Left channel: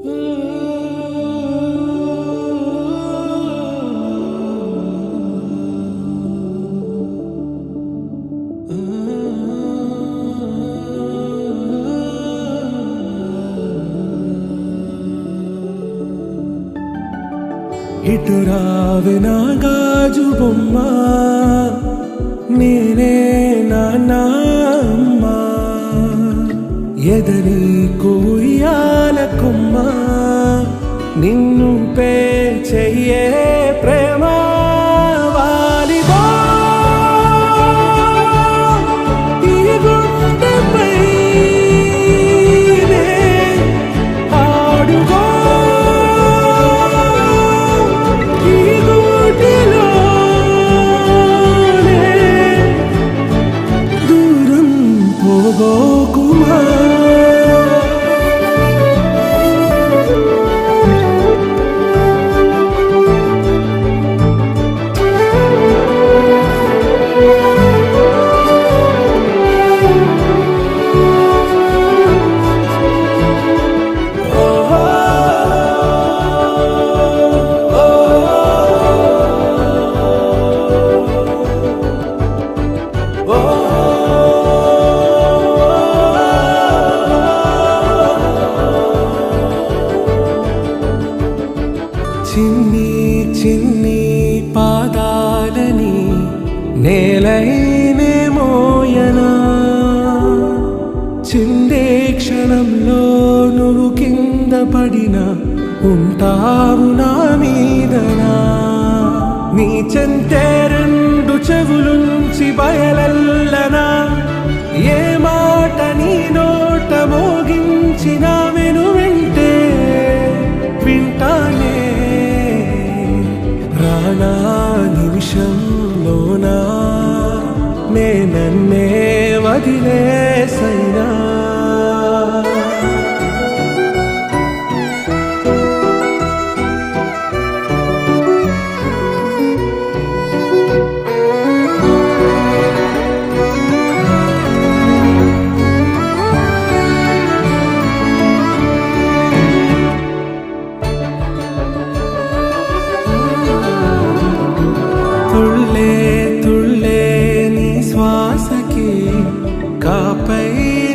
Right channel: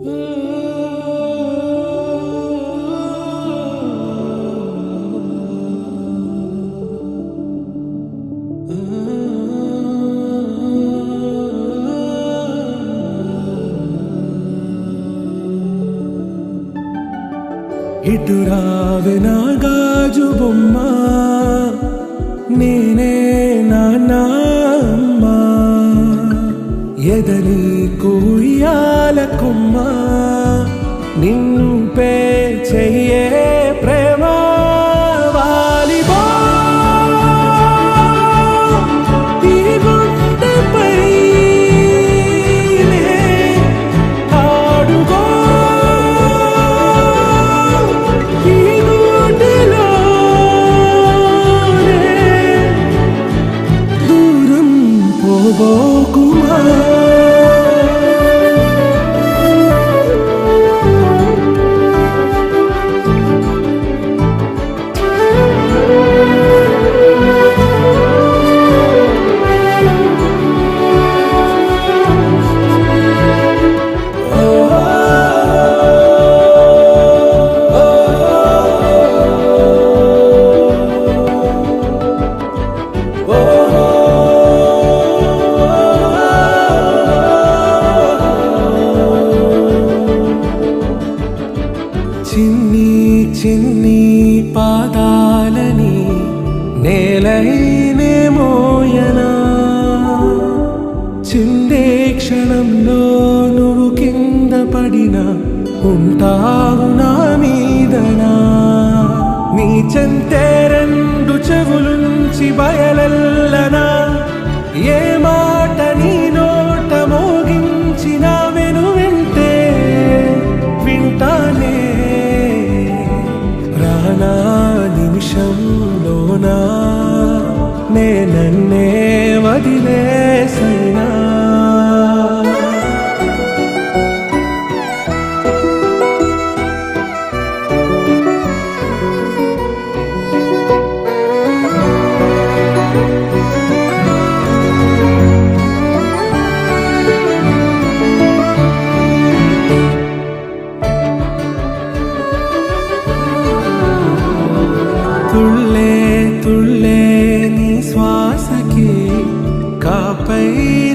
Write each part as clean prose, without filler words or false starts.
ఇటు రావే నా గాజు బొమ్మ, నేనే నాన్న అమ్మ, ఎదని కుయ్యాల కొమ్మ, నిన్ను పే చెయ్యే ప్రేమ వాలిబో ఈ గుండెపై ఆడుగో పోబోకుమా చిన్ని చిన్ని పాదాలని నేలైనే మోయనా, చిందే క్షణంలో నువ్వు కింద పడినా ఉంటావు నా మీదనా, నీ చెంతే రెండు చెవులుంచి బయలెల్లనా, ఏ మాట నీ నోట మోగించిన వెను వింటే వింటానే, రానా నిమిషంలోనా నే నన్నే వదిలేసైనా. తుళ్ళే తుళ్ళే నీ శ్వాసకి కాపై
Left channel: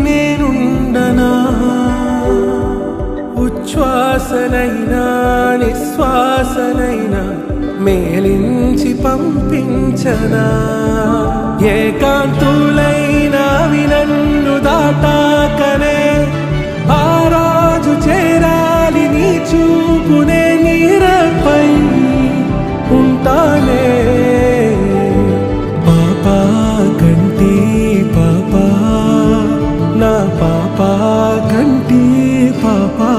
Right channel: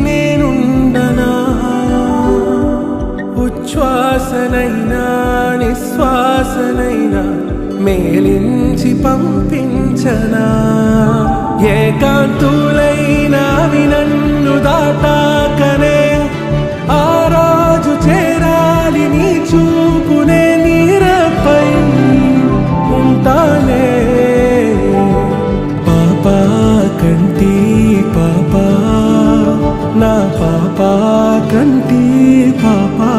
నేనుండనా, ఉచ్ఛ్వాసనైనా నిశ్వాసనైనా మేలించి పంపించనా, ఏకాంతులైనా నన్ను దాటాకనే ఆ రోజు చేరాలి నీ చూపునే నీరపై ఉంటానే, పాపా కంటి పాపా నా పాపా కంటి పాపా.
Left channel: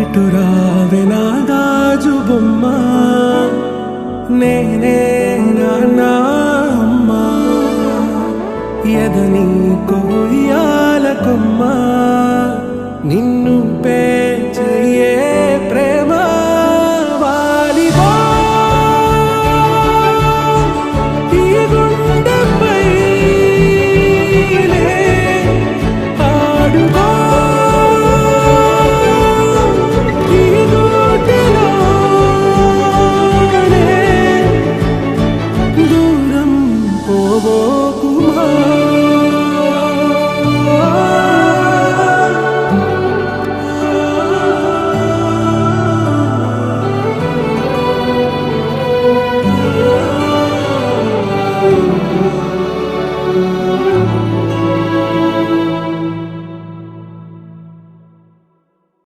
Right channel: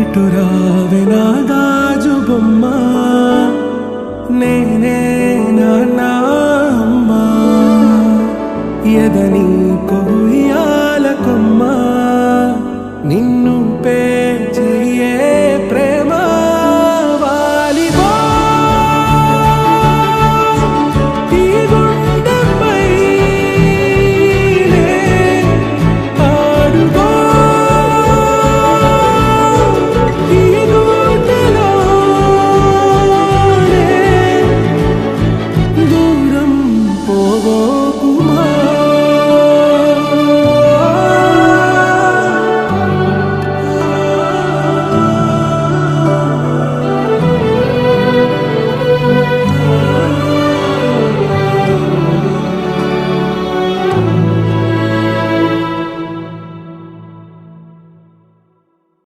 ఇటు రావే నా గాజు బొమ్మ, నేనే నాన్న అమ్మ, ఎదని కొయ్యాల కొమ్మ, నిన్ను పే చెయ్యే ప్రేమ వాలిబో.